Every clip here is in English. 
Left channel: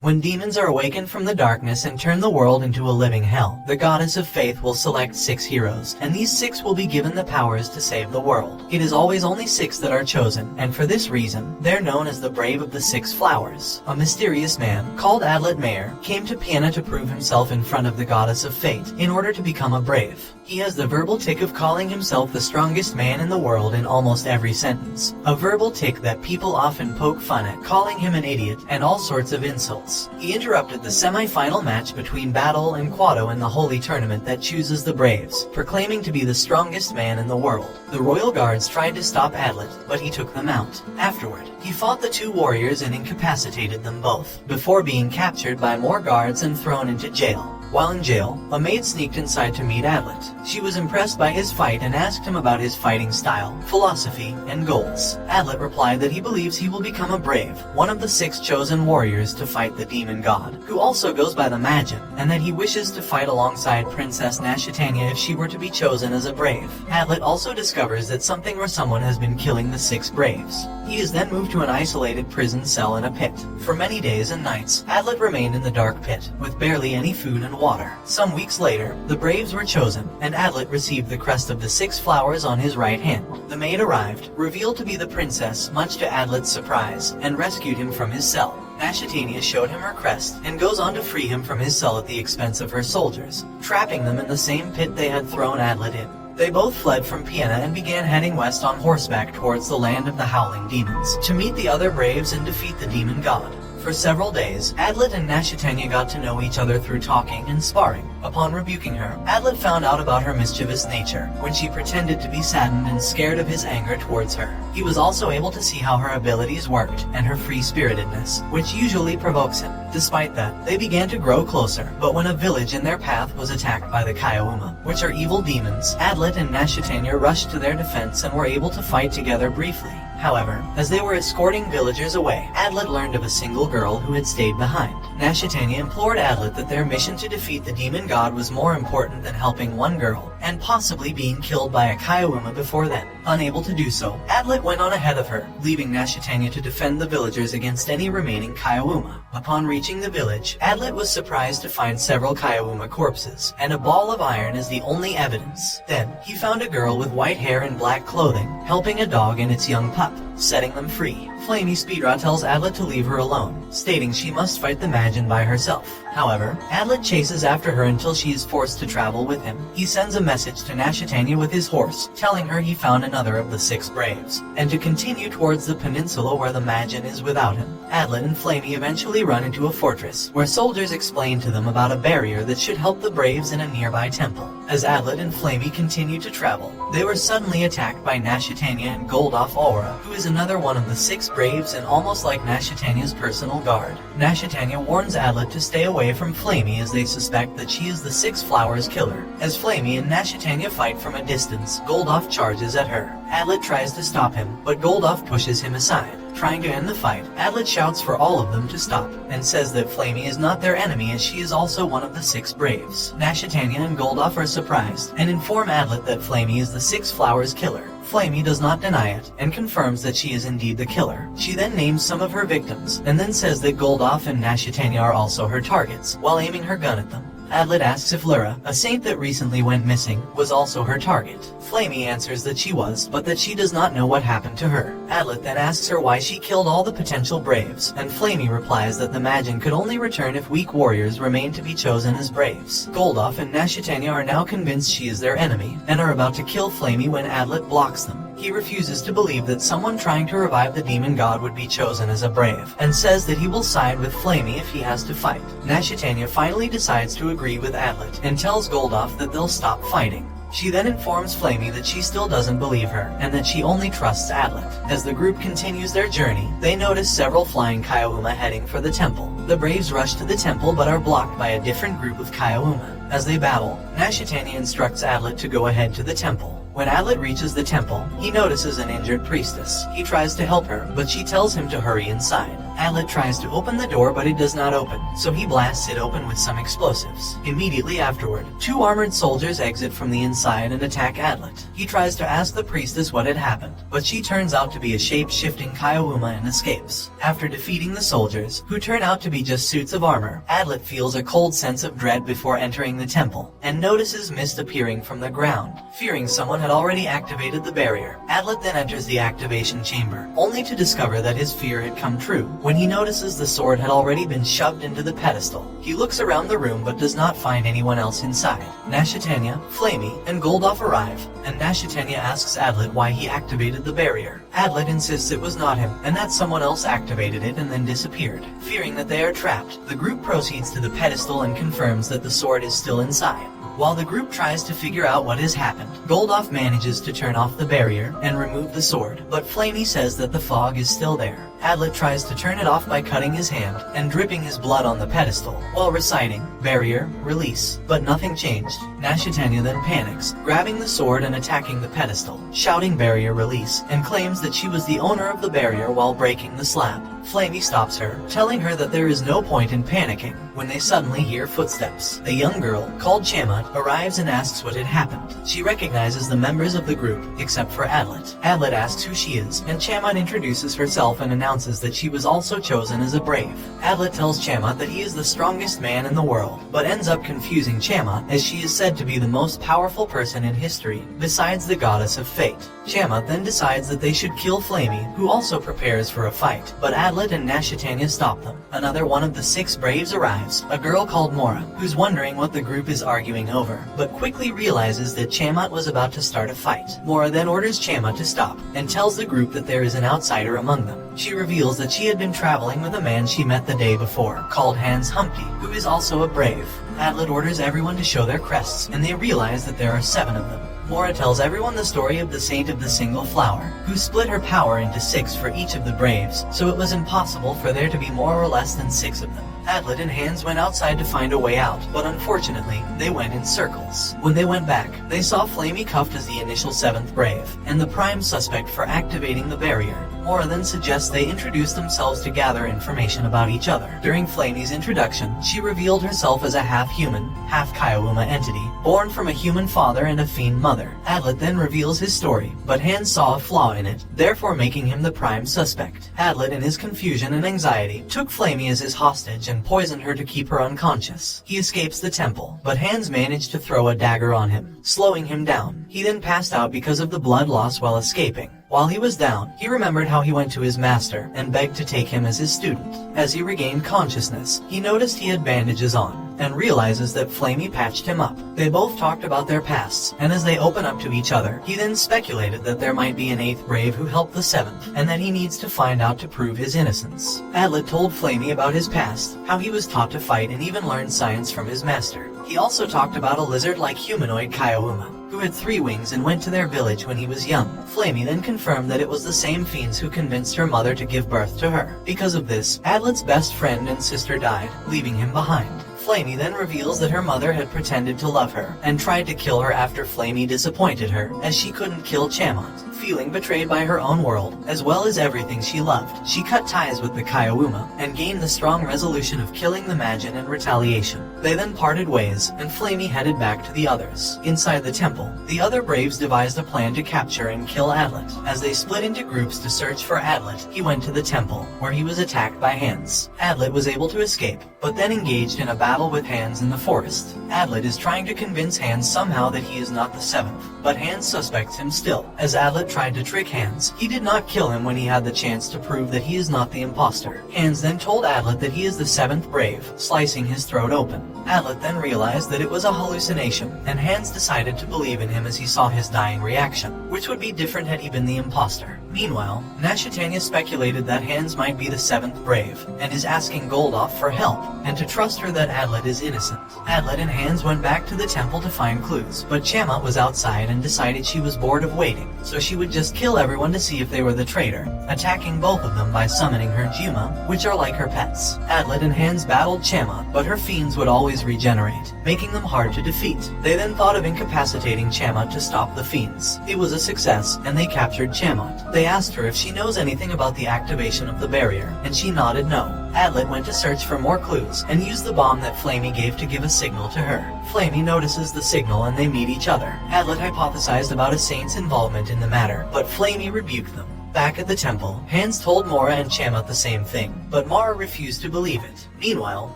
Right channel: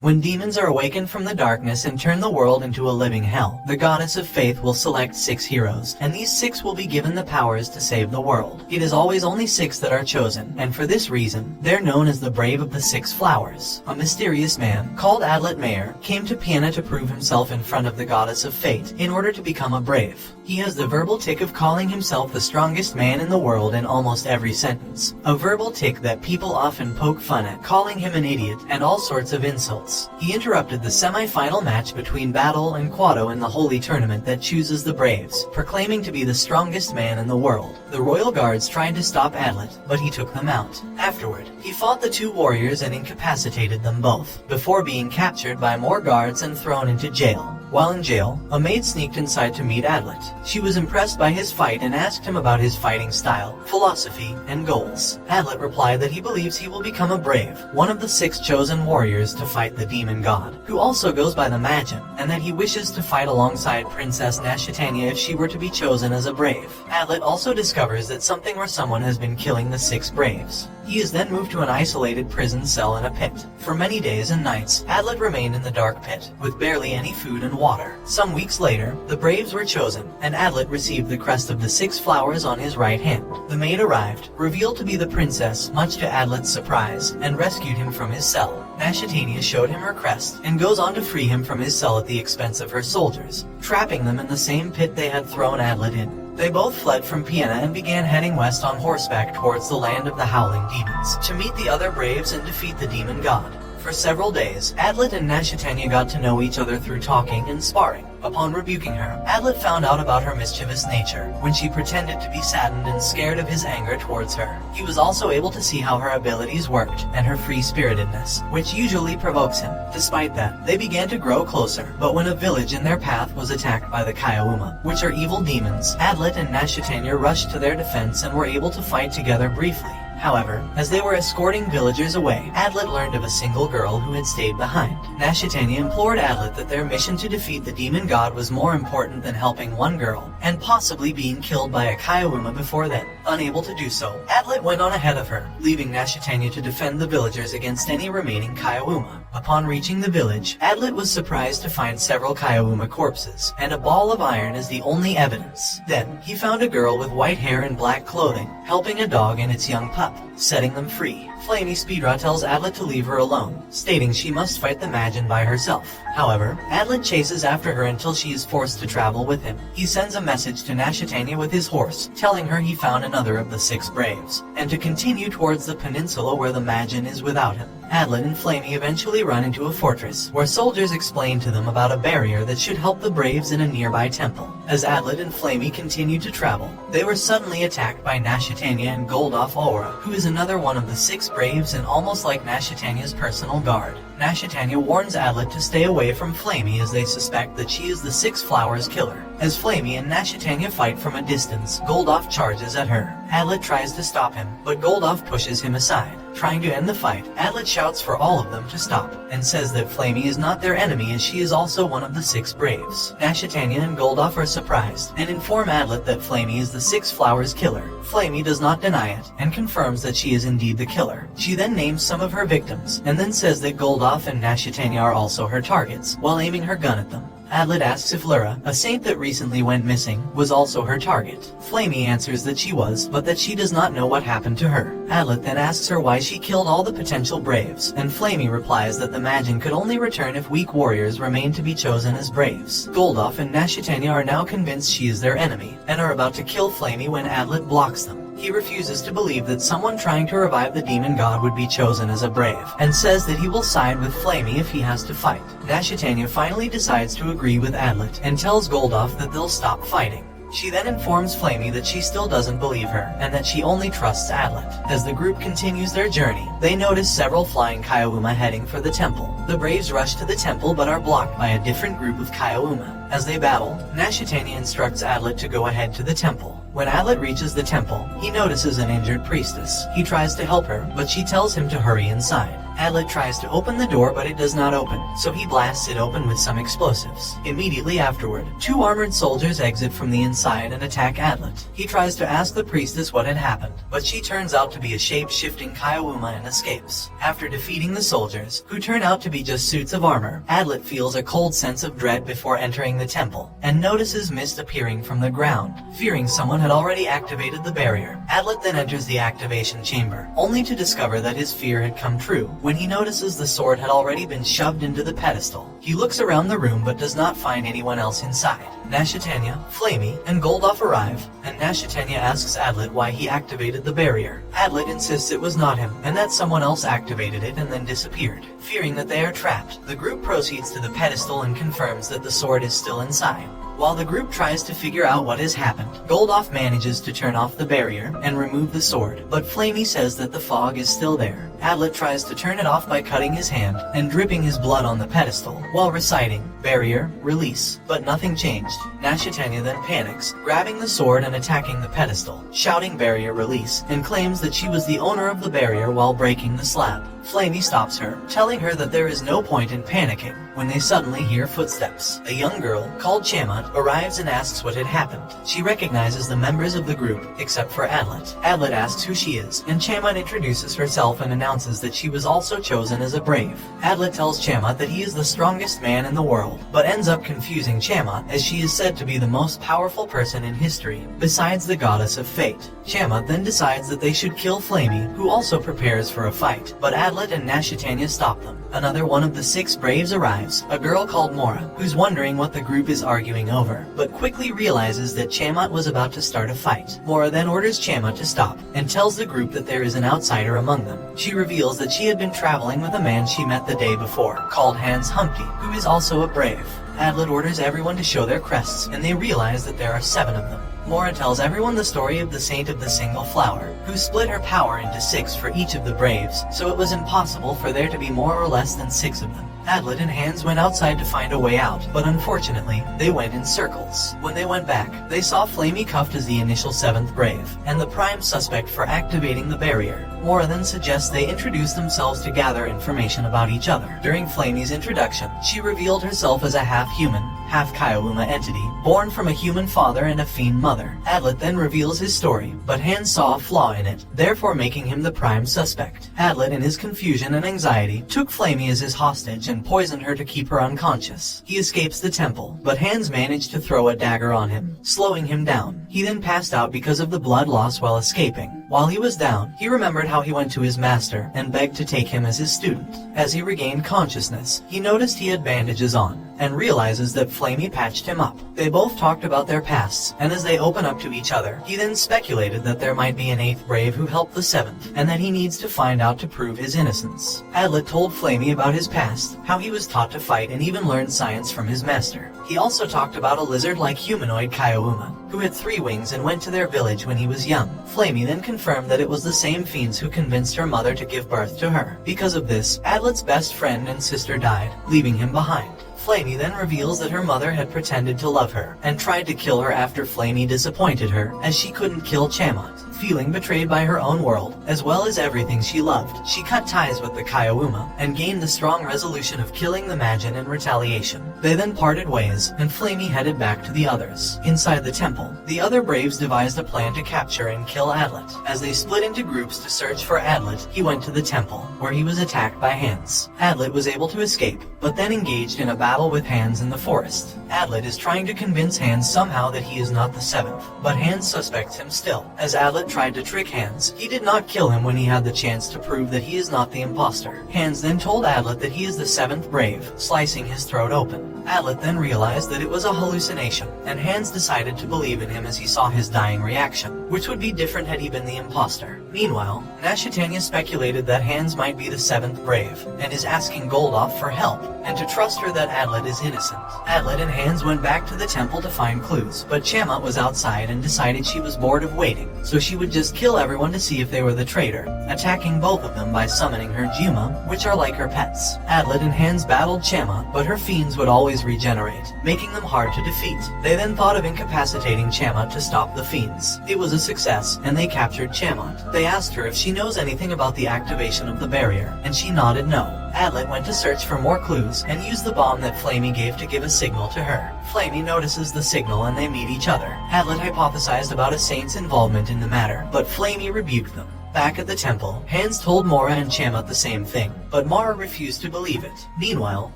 When demons are awakened from the darkness and turn the world into a living hell, the goddess of faith will select 6 heroes, and these 6 will be given the powers to save the world. It is always only 6 that are chosen, and for this reason, they're known as the Brave of the 6 Flowers. A mysterious man, called Adlet Mayer, came to Piana to prove himself in front of the goddess of fate, in order to become a brave. He has the verbal tick of calling himself the strongest man in the world in almost every sentence. A verbal tick that people often poke fun at, calling him an idiot, and all sorts of insults. He interrupted the semi-final match between Battle and Quado in the holy tournament that chooses the Braves, proclaiming to be the strongest man in the world. The royal guards tried to stop Adlet, but he took them out. Afterward, he fought the 2 warriors and incapacitated them both, before being captured by more guards and thrown into jail. While in jail, a maid sneaked inside to meet Adlet. She was impressed by his fight and asked him about his fighting style, philosophy, and goals. Adlet replied that he believes he will become a brave, one of the 6 chosen warriors to fight the demon god, who also goes by the Majin, and that he wishes to fight alongside Princess Nashitania if she were to be chosen as a brave. Adlet also discovers that something or someone has been killing the 6 braves. He is then moved to an isolated prison cell in a pit. For many days and nights, Adlet remained in the dark pit, with barely any food and water. Some weeks later, the Braves were chosen, and Adlet received the crest of the 6 flowers on his right hand. The maid arrived, revealed to be the princess, much to Adlet's surprise, and rescued him from his cell. Nashitania showed him her crest, and goes on to free him from his cell at the expense of her soldiers, trapping them in the same pit they had thrown Adlet in. They both fled from Piana and began heading west on horseback towards the land of the Howling Demons, to meet the other Braves and defeat the demon god. For several days, Adlet and Nashitania got to know each other through talking and sparring. Upon rebuking her, Adlet found out about her mischievous nature, when she pretended to be saddened and scared of his anger towards her. He was also able to see how her abilities worked, and her free-spiritedness, which usually provokes him. Despite that, they began to grow closer, but when a village in their path was attacked by the Kaiauma, which are evil demons, Adlet and Nashitania rushed to their defense and were able to fight together briefly. However, as they were escorting villagers away, Adlet learned of a single girl who had stayed behind. Nashitania implored Adlet that their mission to defeat the demon god was more important than helping one girl, and possibly being killed by a Kaiauma before then. Unable to do so, Adlet went on ahead of her, leaving Nashitania to defend the villagers against any remaining Kaiauma. Upon reaching the village, Adlet was surprised to find several Kaiauma corpses, and a ball of iron as the only evidence. Then, he found a girl with white hair and black clothing, helping a dog and its young pup, setting them free. Flamey Speedra tells Adlet to leave her alone, stating she must fight the Majin by herself. However, Adlet chases after her until she is forced to travel with him. He sends a message to Nashitania with his horse, telling her he found another of the 6 Braves, and to continue towards the peninsula where the Majin is without him. Adlet and Flamey eventually run into a fortress, where soldiers explain to them about a barrier that should help the Braves in a nearby temple. As Adlet and Flamey continue to travel, they were suddenly attacked by Nashitania and Goldoff Aura, who is another one of the 6 Braves and almost like Nashitania's personal guard. Nashitania warns Adlet to stay away from Flamey as they suspect that she is the 6 Flowers killer. As Flamey and Nashitania fight from a distance, Goldoff charges at her. Adlet tries to stop him, but Goldoff pushes him aside. Trying to end the fight, Adlet shouts for all of them to stop, and says that Flamey is not their enemy as she is also one of the 6 Braves. Nashitania and Goldoff are surprised, and inform Adlet that Flamey is the 6 Flowers killer. Flamey does not deny it, and confirms that she is indeed the killer. She then names some of her victims, and then says that Goldoff and Nashitania are also her targets, while aiming her gun at them. Adlet asks if Lyra, a saint that recently went missing, was also her target. Flamey answers that she was, but that she does not know what happened to her. Adlet then asks her why she killed all the potential Braves, and Flamey replies that the Majin could only return if weak warriors remain to be chosen as Braves. Goldoff and Nashitania are now convinced she is their enemy, and are about to kill Flamey when Adlet blocks them. He refuses to believe that someone trying to revive the demon god would be chosen as a brave, and says that he will side with Flamey if he has to fight. Nashitania finally decides to agree with Adlet, and tells Goldoff that they'll stop fighting. She then informs Flamey that she still doesn't believe her, and that she only trusts Adlet. As the group continues their journey, they notice several flying Kaiauma heading for the temple. The Braves rush to the temple but are blocked by a different group of Kaiauma. As they battle, Nashitania instructs Adlet to go ahead to the temple. When Adlet reaches the temple, he notices an injured priestess. He tries to help her, but she tells him to hurry inside. Adlet tries to open the door, but it does not open, so he blasts it open with some explosives. Immediately afterward, 2 armored soldiers exit from the inside and attack Adlet. He tries to ask the priestess what had happened, but she turns out to be a shape-shifting Kaiowuma and escapes. After defeating the soldiers, who turn out to be just suits of armor, Adlet feels a cold sense of dread before entering the temple, and notices mist appearing from the ground. Fearing someone had already activated the barrier, Adlet then enters the activation chamber, only to discover that his fear had come true when he notices the sword had already been shoved into the pedestal. He looks around the room but does not find anyone else inside. Nashitania, Flamey, and Goldoff arrive, and Nashitania asks Adlet why he activated the barrier. Adlet insists it was not him, and that someone else activated it and then disappeared. Fearing that they are trapped, the group proceeds to the pedestal and confirms that the sword is still inside. While the group tries to figure out what has happened, Goldoff manages to turn off the barrier and remove the sword, but Flamey says that the fog is still there. Adlet tries to turn it off by cutting his hand and dripping his blood on the pedestal, while reciting, "Barrier, release," but nothing changed. Nashitania then panics, grabbing the sword and attacking the pedestal, shouting "Barrier, release," and claims that she was the owner of the barrier while breaking the slab. Flamey stops her, telling her that there is no point in panicking, when they suddenly hear footsteps. A young girl, called Chamat, arrives and asks what had happened. She recognizes the members of the group, except for Adlet. Adlet asks who she is, and Chamat introduces herself and announces that she was also chosen as a brave. Adlet tells Chamat that he is the strongest man in the world, but ends up confusing Chamat, as she is said to be the most powerful person in history, besides the goddess of fate. Chamat then decides that they should kill Flamey, who also prepares for a fight, but Adlet and Nashitania stop them. Another one of the 6 braves arrives, a girl called Mora, who's wondering what the group is arguing over, but quickly realizes that Chamat was about to start a fight. Mora then orders Chamat to stop, and tells the group that there is an outsider among them. She reveals that she had been traveling with a man she met the day before, called Hans Humpty, who is also a brave. Adlet orders everyone to show their crests, and they realize that there are 7 of them. Mora tells everyone the story of the Saint of the Single Flower, who split her power into 6 for each of the braves, so it was impossible for there to be more or less than 6 of them. Adlet and Hans went outside to find a way out, but unfortunately, they went in circles. When they went back, they saw Flamey cuffed as the initial 7th brave, and the prime suspect for activating the barrier. Mora then suggests they introduce themselves to gather information about each other. During Flamey's introduction, she revealed herself as a half-human, half-Kaiowuma entity, born from a human father and a fiend mother. Adlet then reveals his story, but Hans saw a flaw in it, therefore making him the prime suspect. Adlet, in his confusion and anxiety, took Flamey as his hostage and poisoned her to keep her unconscious. He escapes the temple, but Hans managed to throw a dagger on him, slowing him down. He then passed out because of the blood loss while escaping. While he was down, he remembered how he went to his master and begged to take him as his student. As he regained consciousness, he noticed he had bandages on, and realizes that Flamey patched him up. They both talked about their pasts, and as they open up to each other, he then speculated that there might be an 8th brave who helped the 7th, and that he needs to find out to prove his innocence. Adlet told Flamey about his past, how he was taught to fight and even learned science from his master. He also talked about a lizard-like humanoid Kaiowuma, who had 3 wings and went to their village when he was young. Flamey then confirmed that it was the same fiends who convinced her mother to give birth to her. Because of this, Adlet's best friend and sister died, leaving him behind. Flamey then reveals that her mother had pretended to love her, and tried to kill her after Flamey disappointed her, as she couldn't kill Chamat. Feeling betrayed by her own world, as well as everything she loved, she cut ties with the Kaiowuma, and gained the strong resolution of killing the Majin in retaliation. They then parted ways, and Flamey headed back to the others. Inside the temple, the other braves devised a plan to capture and kill Adlet. As they split into groups to search for Adlet, he went to the temple, where he was attacked by Hans. Adlet was able to escape, but then engaged in a battle with Hans in the forest. Adlet is trying to convince Hans somehow that he is not the 7th, but Hans suspects him still. As Adlet tried to trick Hans, he did not kill him when he had the chance to prove that he is not the impostor. Hans then told Adlet that he is the 7th brave, slicing his throat open. Adlet then realized that it was a hallucination, and Hans decided to believe in him as he saw his dying reaction, which would be different had he been the impostor. Meanwhile, Nashitania speculated that Hans might be the 7th brave, and is asking Goldoff for help, and to trust her that Adlet is innocent. Adlet and Hans went back to the temple to find clues, but Chamat was outside and decided she was bored of waiting, so she would just kill everyone to see if they were the traitor, attacking both of them by summoning her Juma, which are like her pets. Adlet and Hans battled Chamat, but her fiends would always regenerate, making them hard to defeat. They then thought of incapacitating Chamat to stop the fiends. It was a success, and they captured Chamat. They asked her if she knows anything about the activation of the barrier, and she nodded no. Adlet went to search for more clues, and used the bomb that Flamey gave to give a signal to her. Flamey notices the signal and they meet each other. Adlet hypothesized about a saint's involvement in the matter, but Flamey rebuked them. Back at the temple, Hans told Mora and Chamat the same thing, but Mara refused to believe it. Meanwhile,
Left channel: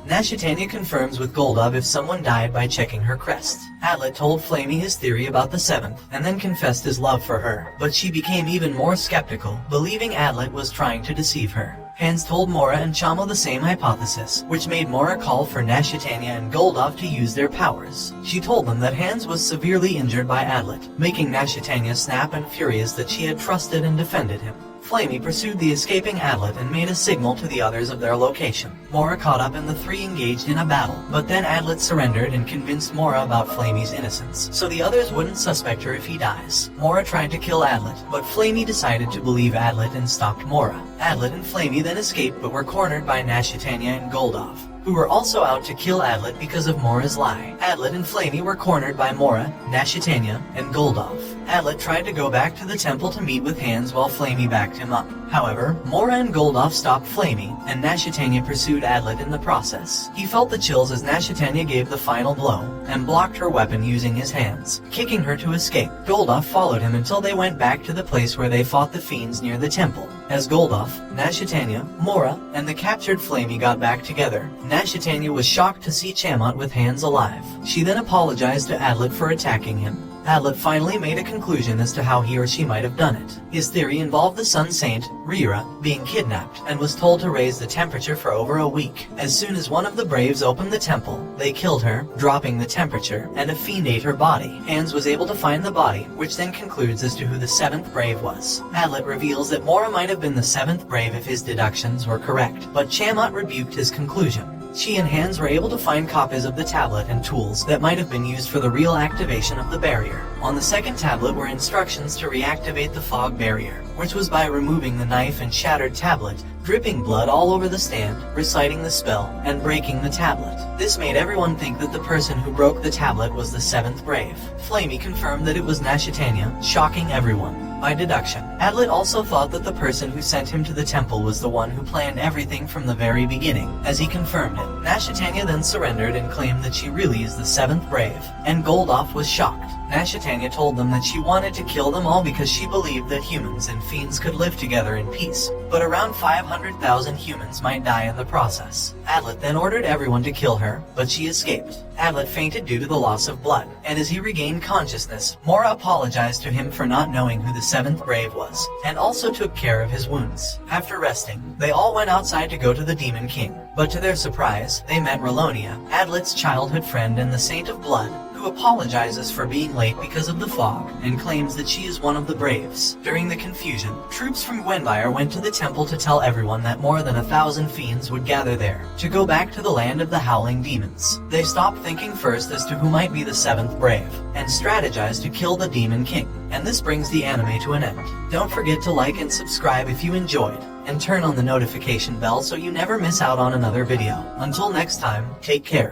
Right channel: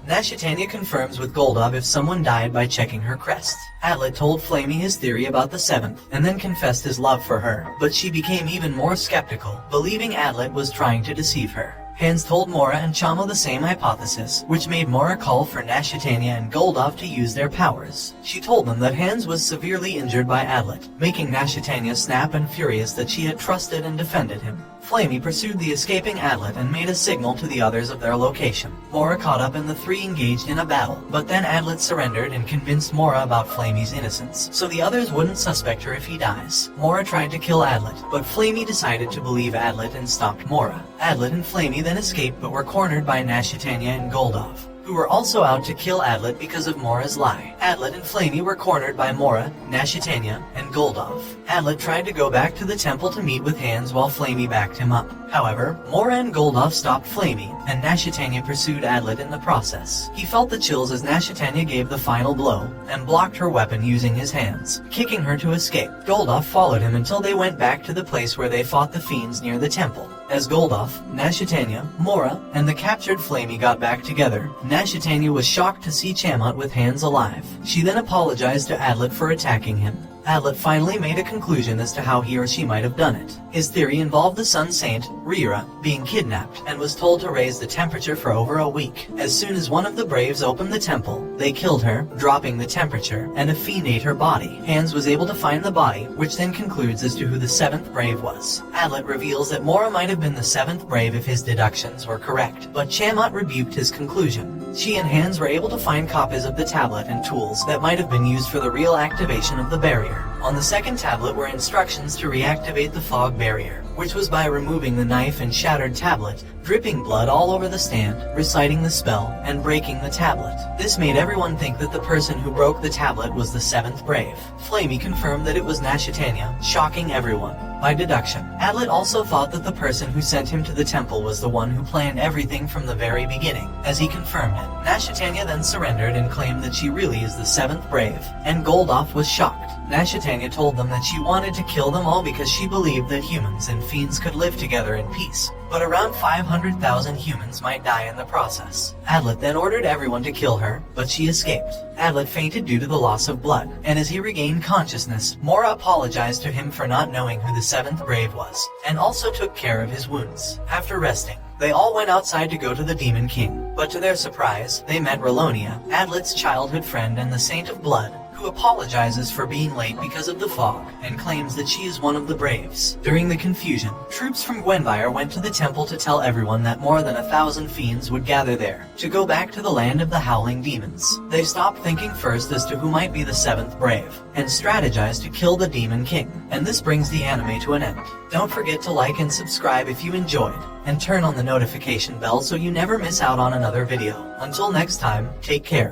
Nashitania confirms with Goldov if someone died by checking her crest. Adlet told Flamey his theory about the seventh, and then confessed his love for her, but she became even more skeptical, believing Adlet was trying to deceive her. Hans told Mora and Chama the same hypothesis, which made Mora call for Nashitania and Goldov to use their powers. She told them that Hans was severely injured by Adlet, making Nashitania snap and furious that she had trusted and defended him. Flamey pursued the escaping Adlet and made a signal to the others of their location. Mora caught up and the three engaged in a battle, but then Adlet surrendered and convinced Mora about Flamey's innocence, so the others wouldn't suspect her if he dies. Mora tried to kill Adlet, but Flamey decided to believe Adlet and stopped Mora. Adlet and Flamey then escaped but were cornered by Nashitania and Goldov, who were also out to kill Adlet because of Mora's lie. Adlet and Flamey were cornered by Mora, Nashitania, and Goldov. Adlet tried to go back to the temple to meet with Hans while Flamey backed him up. However, Mora and Goldov stopped Flamey, and Nashitania pursued Adlet in the process. He felt the chills as Nashitania gave the final blow, and blocked her weapon using his hands, kicking her to escape. Goldov followed him until they went back to the place where they fought the fiends near the temple. As Goldov, Nashitania, Mora, and the captured Flamey got back together, Nashitania was shocked to see Chamat with Hans alive. She then apologized to Adlet for attacking him. Adlet finally made a conclusion as to how he or she might have done it. His theory involved the Sun Saint, Rira, being kidnapped and was told to raise the temperature for over a week. As soon as one of the Braves opened the temple, they killed her, dropping the temperature, and a fiend ate her body. Hans was able to find the body, which then concludes as to who the seventh Brave was. Adlet reveals that Mora might have been the seventh Brave if his deductions were correct, but Chamat rebuked his conclusion. She and Hans were able to find copies of the tablet and tools that might have been used for the real activation of the barrier. On the second tablet were instructions to reactivate the fog barrier, which was by removing the knife and shattered tablet, dripping blood all over the stand, reciting the spell, and breaking the tablet. This made everyone think that the person who broke the tablet was the seventh Brave. Flamey confirmed that it was Nashitania, shocking everyone. By deduction, Adlet also thought that the person who sent him to the temple was the one who planned everything from the very beginning, as he confirmed it. Nashitania then surrendered and claimed that she really is the seventh Brave, and Goldov was shocked. Nashitania told them that she wanted to kill them all because she believed that humans and fiends could live together in peace, but around 500,000 humans might die in the process. Adlet then ordered everyone to kill her, but she escaped. Adlet fainted due to the loss of blood, and as he regained consciousness, Mora apologized to him for not knowing who the seventh Brave was, and also took care of his wounds. After resting, they all went outside to go to the Demon King, but to their surprise, they met Relonia, Adlet's childhood friend and the Saint of Blood, who apologizes for being late because of the fog, and claims that she is one of the Braves. During the confusion, troops from Gwenvire went to the temple to tell everyone that more than 1,000 fiends would gather there, to go back to the land of the Howling Demons. They stopped thinking first as to who might be the seventh Brave, and strategized to kill the Demon King. And this brings the anime to an end. Don't forget to like and subscribe if you enjoyed, and turn on the notification bell so you never miss out on another video. Until next time, take care.